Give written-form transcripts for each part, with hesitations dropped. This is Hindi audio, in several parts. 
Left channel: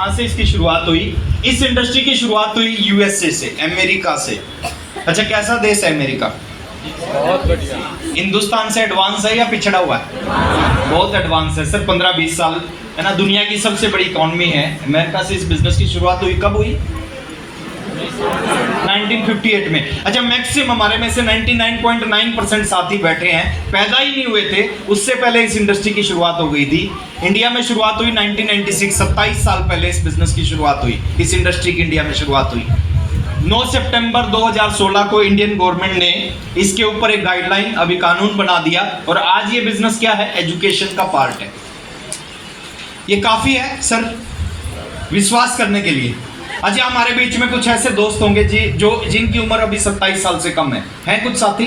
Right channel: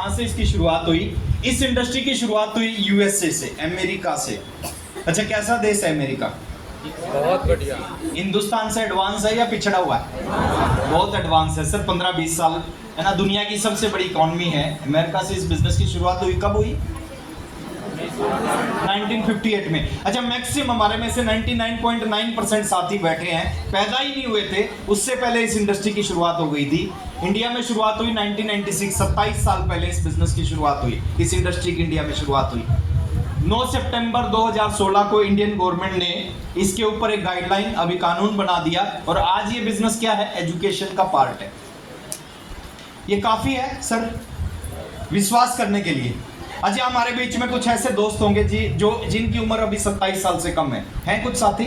कहाँ से इसकी शुरुआत हुई? इस इंडस्ट्री की शुरुआत हुई यूएसए से, अमेरिका से। अच्छा, कैसा देश है अमेरिका? बहुत बढ़िया। हिंदुस्तान से एडवांस है या पिछड़ा हुआ है? बहुत एडवांस है सर, 15-20 साल है ना। दुनिया की सबसे बड़ी इकॉनमी है। अमेरिका से इस बिजनेस की शुरुआत हुई, कब हुई? 1958 में। अच्छा, मैक्सिमम हमारे में से 99.9% साथी बैठे हैं पैदा ही नहीं हुए थे, उससे पहले इस इंडस्ट्री की शुरुआत हो गई थी। इंडिया में शुरुआत हुई 1996, 27 साल पहले इस बिजनेस की शुरुआत हुई, इस इंडस्ट्री की इंडिया में शुरुआत हुई। 9 सितंबर 2016 को इंडियन गवर्नमेंट ने इसके ऊपर एक गाइडलाइन, अभी कानून बना दिया, और आज ये बिजनेस क्या है? एजुकेशन का पार्ट है। ये काफी है सर विश्वास करने के लिए। अच्छा, हमारे बीच में कुछ ऐसे दोस्त होंगे जी जो जिनकी उम्र अभी 27 साल से कम है। हैं कुछ साथी?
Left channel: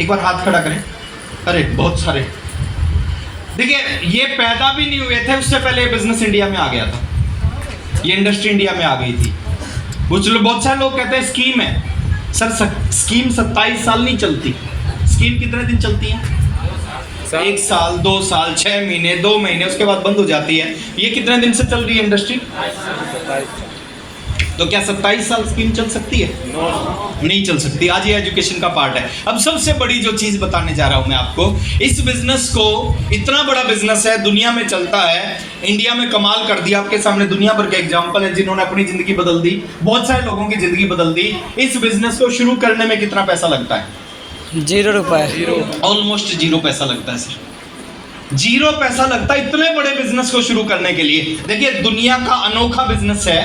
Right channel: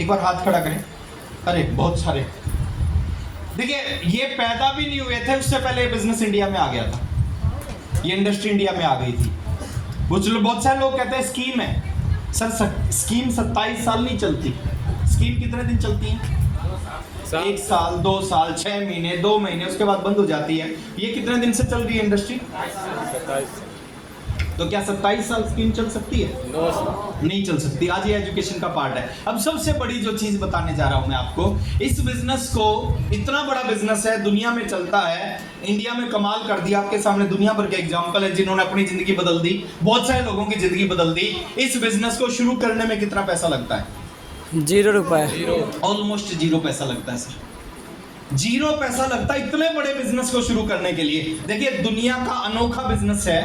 एक बार हाथ खड़ा करें। अरे बहुत सारे। देखिए, ये पैदा भी नहीं हुए थे, उससे पहले ये बिजनेस इंडिया में आ गया था, ये इंडस्ट्री इंडिया में आ गई थी। बहुत सारे लोग कहते हैं स्कीम है। सर स्कीम 27 साल नहीं चलती। स्कीम कितने दिन चलती है? 1 साल, 2 साल, 6 महीने, 2 महीने, उसके बाद बंद हो जाती है। ये कितने दिन से चल रही है इंडस्ट्री? तो क्या 27 साल स्कीम चल सकती है? नहीं चल सकती। आज ये एजुकेशन का पार्ट है। अब सबसे बड़ी जो चीज बताने जा रहा हूं मैं आपको, इस बिजनेस को, इतना बड़ा बिजनेस है, दुनिया में चलता है, इंडिया में कमाल कर दिया। आपके सामने दुनिया भर के एग्जांपल है जिन्होंने अपनी जिंदगी बदल दी, बहुत सारे लोगों की जिंदगी बदल दी। इस बिजनेस को शुरू करने में कितना पैसा लगता है? 0 रुपए। ऑलमोस्ट 0 पैसा लगता है सर। 0 पैसा लगता है इतने बड़े बिजनेस को शुरू करने के लिए। देखिए, दुनिया का अनोखा बिजनेस है।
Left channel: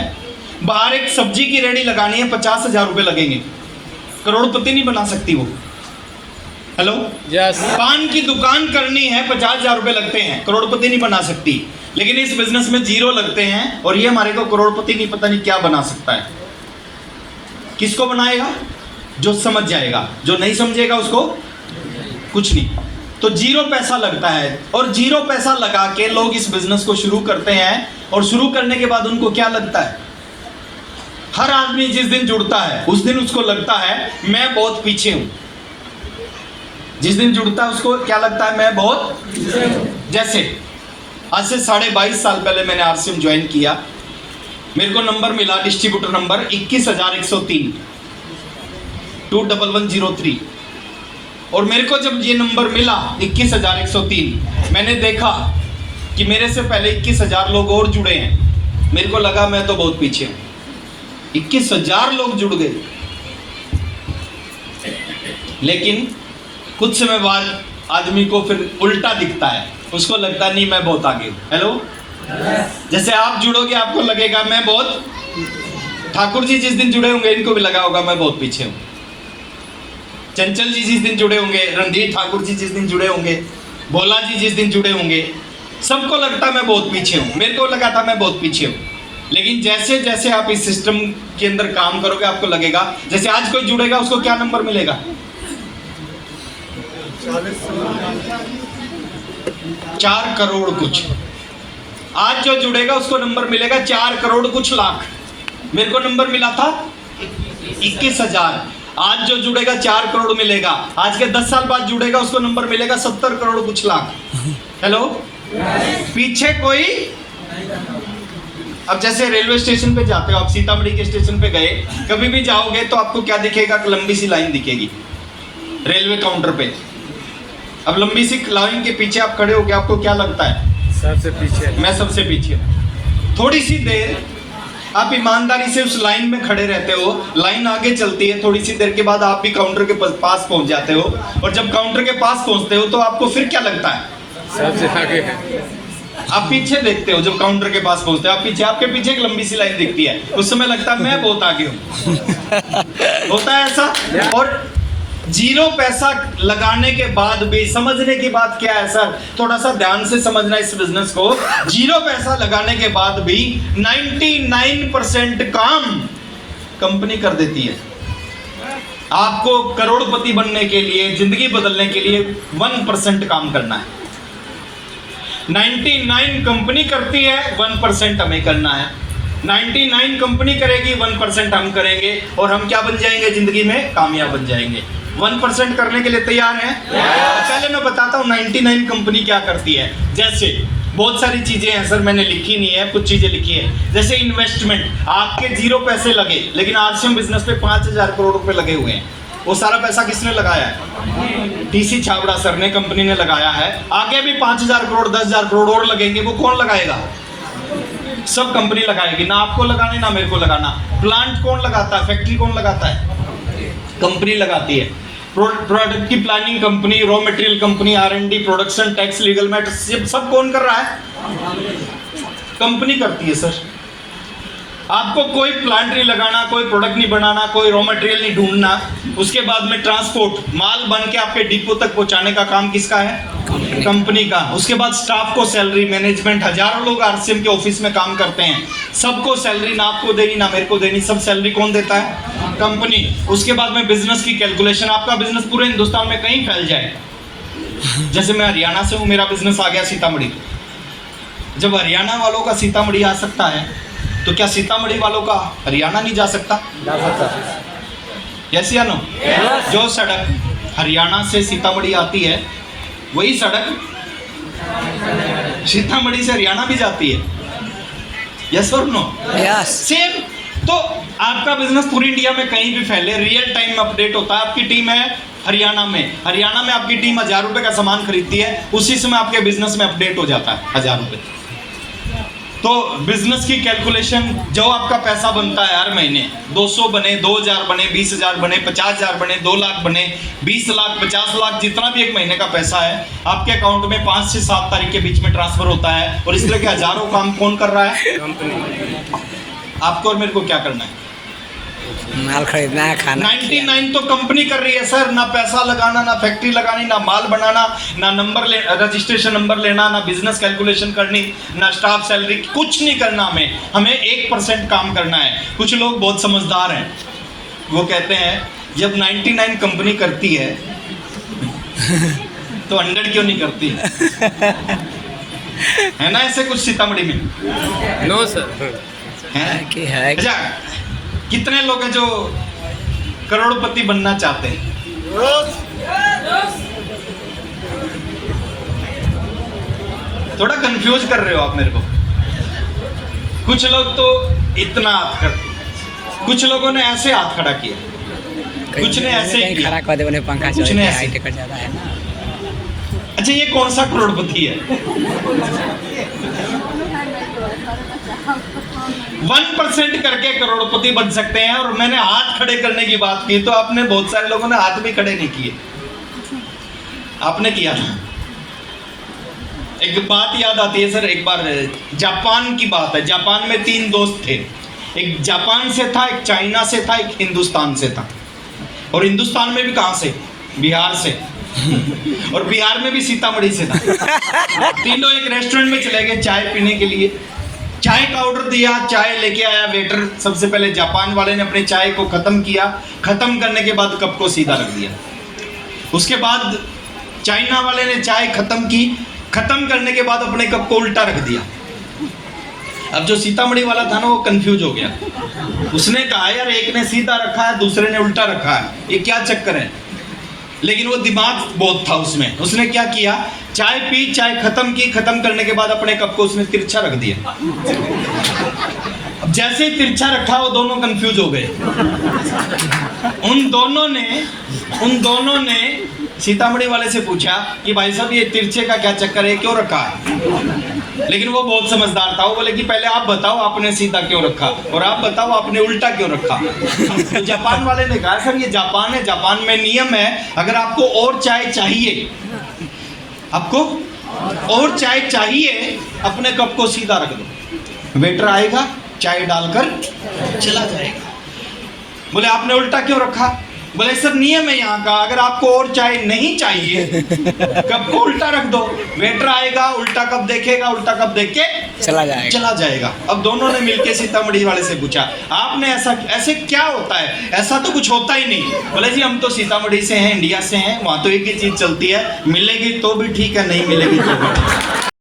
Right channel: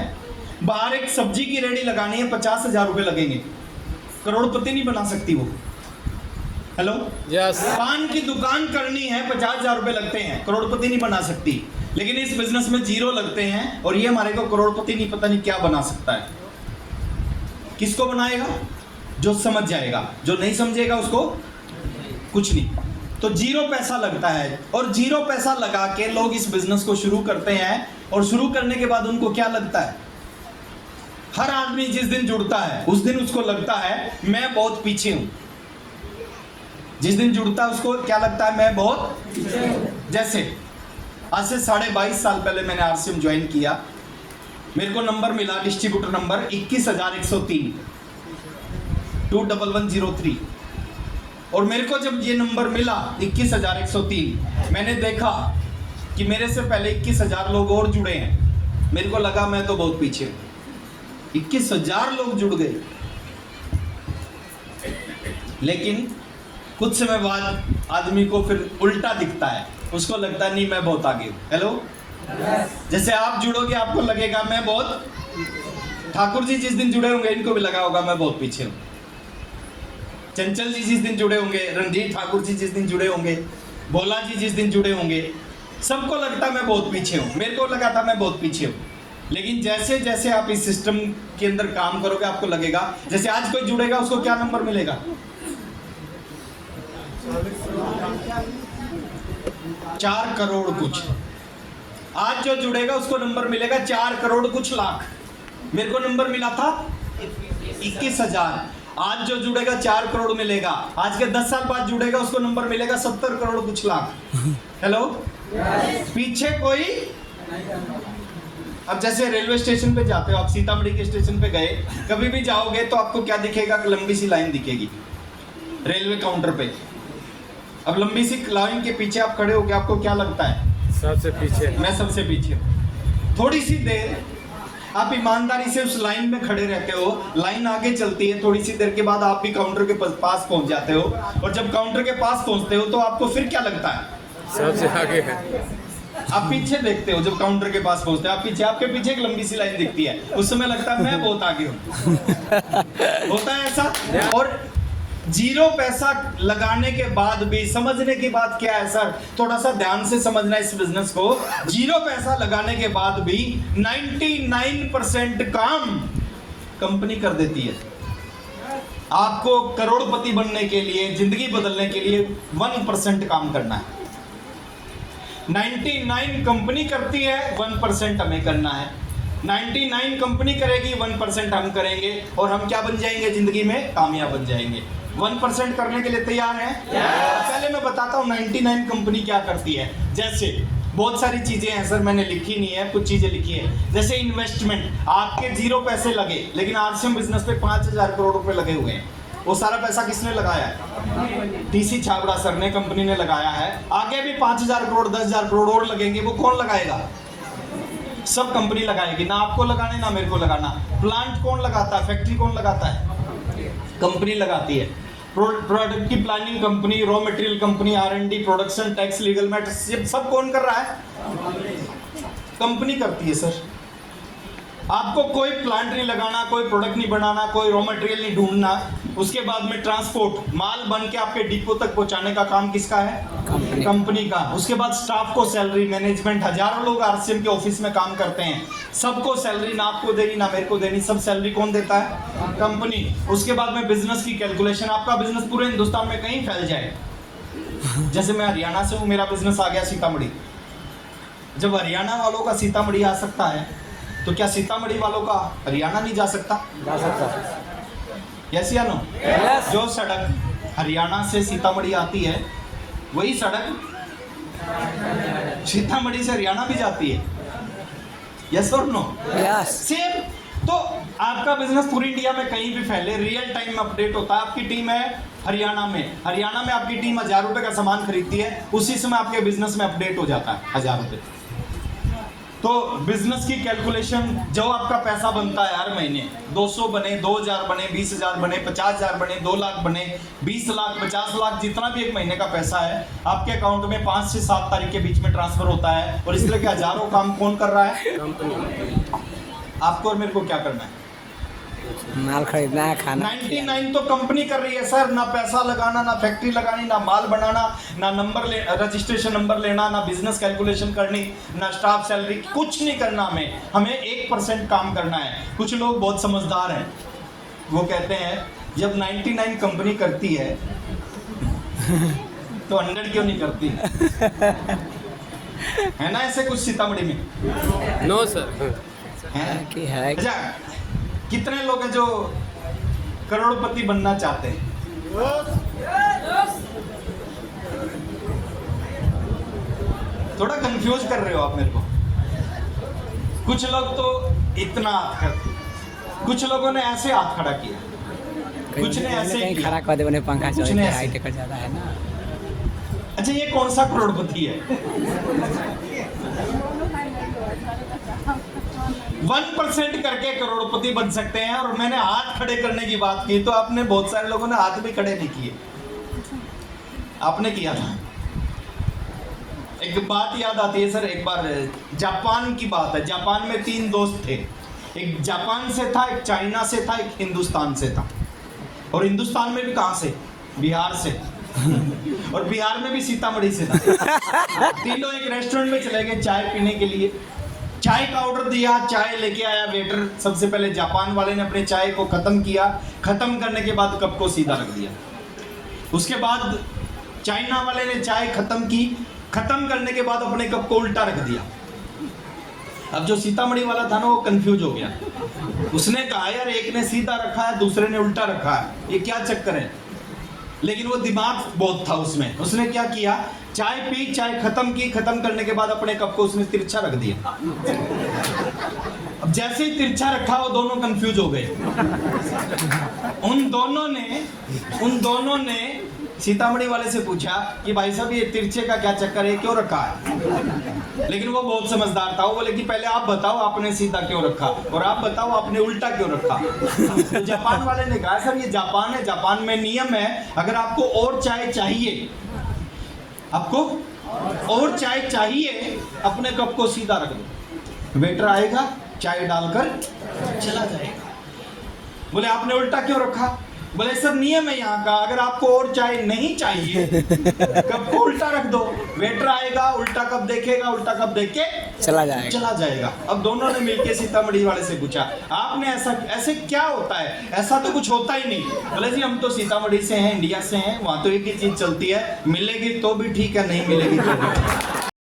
बाहर एक सब्जी की रेडी लगानी है, 50,000 रुपए लगेंगे, करोड़पति नहीं बना सकती वो। Hello, yes. पान की दुकान करनी है, 50,000 रुपए लगते हैं, करोड़पति नहीं बना सकती। लेकिन इस बिजनेस में 0 लगते हैं, और ये हमारे को करोड़पति नहीं, पता नहीं क्या बना सकता है। किसको बनाएगा? जो समझ जाएगा, जो नहीं समझेगा उसको कुछ नहीं। तो 0 पैसा लगता है, और 0 पैसा लगा के लोग इस बिजनेस को शुरू करते हैं। और शुरू करने के बाद उनको क्या लगता है? हर आदमी जिस दिन जुड़ता है उस दिन उसको लगता है मैं बहुत पीछे हूं। जिस दिन जुड़ता है उसको क्या लगता है? मैं बहुत, जैसे आज से 22.5 साल पहले मैंने आरसीएम ज्वाइन किया, मेरे को नंबर मिला, डिस्ट्रीब्यूटर नंबर 21,103 21103। और मेरे को जब ये नंबर मिला 21,103, मैंने देखा कि मेरे से पहले 21,000 लोग और जुड़े हैं। मेरे को लगा मैं तो बहुत पीछे हूं। 21,000 लोग जुड़ गए, लेकिन कुछ समय बाद आदमी को फिर उल्टा दिखता है, उसको लगता नहीं मैं बहुत आगे हूं। हेलो, जैसे आप जुड़ोगे आपको लगेगा मैं बहुत, ठाकुर जी जिस दिन जुड़े होंगे इनको भी लगा होगा मैं बहुत पीछे हूं। चंचल जी जिस दिन जुड़े होंगे, रणधीर ठाकुर जी जिस दिन जुड़े होंगे, भोला जी जिस दिन जुड़े होंगे, सबको लगता मैं बहुत पीछे हूं। मेरे को लगा था मैं बहुत पीछे हूं। लेकिन जैसे जैसे आप इस सिस्टम के अंदर काम करोगे आपको लगेगा, जैसे आज कोई जुड़ेगा उसको क्या नंबर मिलेगा? 4 करोड़ कुछ। आज जो जुड़ेगा उसको नंबर मिलेगा 4 करोड़ कुछ लाख। मेरे को नंबर मिला था 21,000। आज जो जुड़ेगा 4 करोड़ मिलेगा। आज के 10 साल बाद जुड़ेगा उसको नंबर मिलेगा 70 करोड़ कुछ लाख। हेलो, पीछे कोई? अब जैसे रेलवे स्टेशन पे जाते हो आप, सीतामढ़ी के स्टेशन पे गए, कभी भी जाओगे तो आपको क्या दिखेगा? लंबी सी लाइन दिखेगी रेलवे काउंटर पे। अब लंबी सी लाइन के पीछे आप खड़े हो गए, आपको क्या लगता है? सबसे पीछे। मैं सबसे पीछे। थोड़ी सी देर आप ईमानदारी से उस लाइन में खड़े रहते हो, लाइन आगे चलती है, थोड़ी सी देर के बाद आप भी काउंटर के पास पहुंच जाते हो। और जब काउंटर के पास पहुंचते हो तो आपको फिर क्या लगता है? सबसे आगे है। आप पीछे देखते हो, जब काउंटर के पास पहुंचते हो आप पीछे, आपके पीछे एक लंबी सी लाइन दिखती है, उस समय लगता है मैं बहुत आगे हूं। होता है ऐसा। और 0 पैसा लगाने के बाद भी, समझने की बात क्या है सर, थोड़ा सा ध्यान से समझना इस बिजनेस को। 0 पैसा लगाने के बाद भी 99% काम कंपनी कर देती है। आपको करोड़पति बनने के लिए, जिंदगी बदलने के लिए 1% काम करना है। 99 कंपनी करती है, 1% हमें करना है। 99 कंपनी करेगी, 1% हम करेंगे, और हम क्या बन जाएंगे जिंदगी में? कामयाब बन जाएंगे। 1% करने के लिए तैयार हैं? पहले मैं बताता हूँ 99 कंपनी क्या करती है। जैसे बहुत सारी चीजें हैं सर, मैंने लिखी नहीं है, कुछ चीजें लिखी है। जैसे इन्वेस्टमेंट, आपके 0 पैसे लगे, लेकिन आरसीएम बिजनेस पे 5,000 करोड़ रुपए लगे हुए हैं। वो सारा पैसा किसने लगाया है? टीसी छाबड़ा सर ने, कंपनी ने लगाया है। आगे भी 5,000 करोड़ 10,000 करोड़ और लगेंगे, वो कौन लगाएगा? सब कंपनी लगाएगी, ना आपको लगाने ना मेरे को लगाना। प्लांट कौन लगाता है? फैक्ट्री कौन लगाता है? कंपनी लगाती है। प्रोडक्ट की planning company, raw material company, R&D, production, tax, legal matters, सब कौन कर रहा है? कंपनी करती है सर। आपको कोई प्लांट नहीं लगाना, कोई प्रोडक्ट नहीं बनाना, कोई रॉ मटेरियल नहीं ढूंढना, उसके बाद में ट्रांसपोर्ट, माल बन के आपके डिपो तक पहुंचाने का काम किसका है? कंपनी का। उसके बाद स्टाफ को सैलरी, मैनेजमेंट, हजारों लोग आरसीएम के ऑफिस में काम करते हैं, सबको सैलरी, ना आपको देनी ना मेरे को देनी, सब सैलरी कौन देता है? कंपनी। उसके बाद में बिजनेस की कैलकुलेशन, आपका बिजनेस पूरे हिंदुस्तान में कहीं फैल जाए। जैसे मैं हरियाणा से हूँ, मेरा बिजनेस आ गया सीतामढ़ी। जब हरियाणा वालों का सीतामढ़ी आ सकता है, तो क्या सीतामढ़ी वालों का हरियाणा नहीं जा सकता? यस या नो? जो सड़क हरियाणा से सीतामढ़ी आती है, वही सड़क सीतामढ़ी से हरियाणा भी जाती है। यस और नो? यस। सेम। तो आपका बिजनेस पूरी इंडिया में कहीं भी फैले, रियल टाइम में अपडेट होता है। आपकी टीम है हरियाणा में आपकी टीम 1,000 रुपए का सामान खरीदती है, उसी समय आपके बिजनेस में अपडेट हो जाता है 1,000 रुपए। तो बिजनेस की कैलकुलेशन, जो आपका पैसा बनता है हर महीने, 200 बने, 2,000 बने, 20,000 बने, 50,000 बने, 2 लाख बने, 20 लाख, 50 लाख, जितना भी एक महीने का पैसा है आपके अकाउंट में 5 से 7 तारीख के बीच में ट्रांसफर होता है। और इस तरह के हजारों काम कौन कर रहा है? आपको और मेरे को क्या करना है? माल खरीदना है, खाना 99 तो कंपनी कर रही है सर। ना पैसा लगाना, ना फैक्ट्री लगानी, ना माल बनाना, ना नंबर रजिस्ट्रेशन नंबर लेना, ना बिजनेस कैलकुलेशन करनी, ना स्टाफ सैलरी, कुछ नहीं करना। हमें 1% काम करना है। कुछ लोग बहुत समझदार हैं, वो कहते हैं जब 99 कंपनी करती है तो 100 क्यों नहीं करती है ना? ऐसे कुछ सीतामढ़ी में नो सर है। अच्छा, कितने लोग हैं जो करोड़पति बनना चाहते हैं? थोड़ा कंफ्यूज कर रहे हो आप मेरे को। कुछ लोग तो इतना हाथ करते, कुछ लोगों ने ऐसे हाथ खड़ा किया, कुछ ने ऐसे किया, खड़ा कर दे, उन्हें पंखा कुछ ने ऐसे। हाइट कर ज्यादा है ना। अच्छा, ये कौन सा करोड़पति है? 1% करके करोड़पति बन सकते हैं। और मैंने हाथ खड़े करने की बात की, तो आपने, बहुत सारे लोगों ने हाथ भी खड़े नहीं किए, आपने किया था। एक बात याद आती है सर, एक बार जापान की बात है। जापान में 3 दोस्त थे, एक जापान से था, एक चाइना से था, एक हिंदुस्तान से था। और हिंदुस्तान में भी कहां से? बिहार से। और बिहार में भी सीतामढ़ी से था। तीनों एक रेस्टोरेंट में चले गए चाय पीने के लिए। चाय का ऑर्डर दिया, चाय लेके आया वेटर। सबसे पहले जापान वाले ने अपने चाय को खत्म किया, खत्म करने के बाद कप को सीधा रख दिया। उसके बाद चाइना वाले ने चाय खत्म की, खत्म करने के बाद अपने कप को उल्टा रख दिया। अब जो सीतामढ़ी वाला था ना, वो कंफ्यूज हो गया। उसने कहा यार, एक ने सीधा रखा है, दूसरे ने उल्टा रखा है, ये क्या चक्कर है? लेकिन वो दिमाग बहुत था उसमें। उसने क्या किया, चाय पी, चाय खत्म की, खत्म करने के बाद अपने कप को उसने तिरछा रख दिया। अब जैसे ही तिरछा रखा, वो दोनों कंफ्यूज हो गए। उन दोनों ने सीतामढ़ी वाले से पूछा कि भाई साहब, ये तिरछे का क्या चक्कर है, क्यों रखा है? लेकिन वो बहुत समझदार था। वो बोले कि पहले आप बताओ आपने सीधा क्यों रखा, और आप बताओ आपने उल्टा क्यों रखा। तो जापान वाले ने कहा सर, ये जापान है, जापान में नियम है, अगर आपको और चाय चाहिए, आपको और चाय चाहिए, अपने कप को सीधा रख दो, वेटर आएगा, चाय डालकर चला जाएगा। बोले आपने उल्टा क्यों रखा? बोले सर, नियम है यहाँ का, अगर आपको और चाय नहीं चाहिए, कप को उल्टा रख दो, वेटर आएगा, उल्टा कप देखेगा, उल्टा कप देख के चला जाएगा। अब दोनों ने मिलके सीतामढ़ी वाले से पूछा, आपने ऐसे क्या होता है? ऐसा तो कुछ होता ही नहीं। बोले जी, हम तो सीतामढ़ी से हैं, इंडिया से हैं, वहाँ तो एक ही चीज चलती है, मिलेगी तो भी ठीक है, नहीं मिलेगी तो भी ठीक है।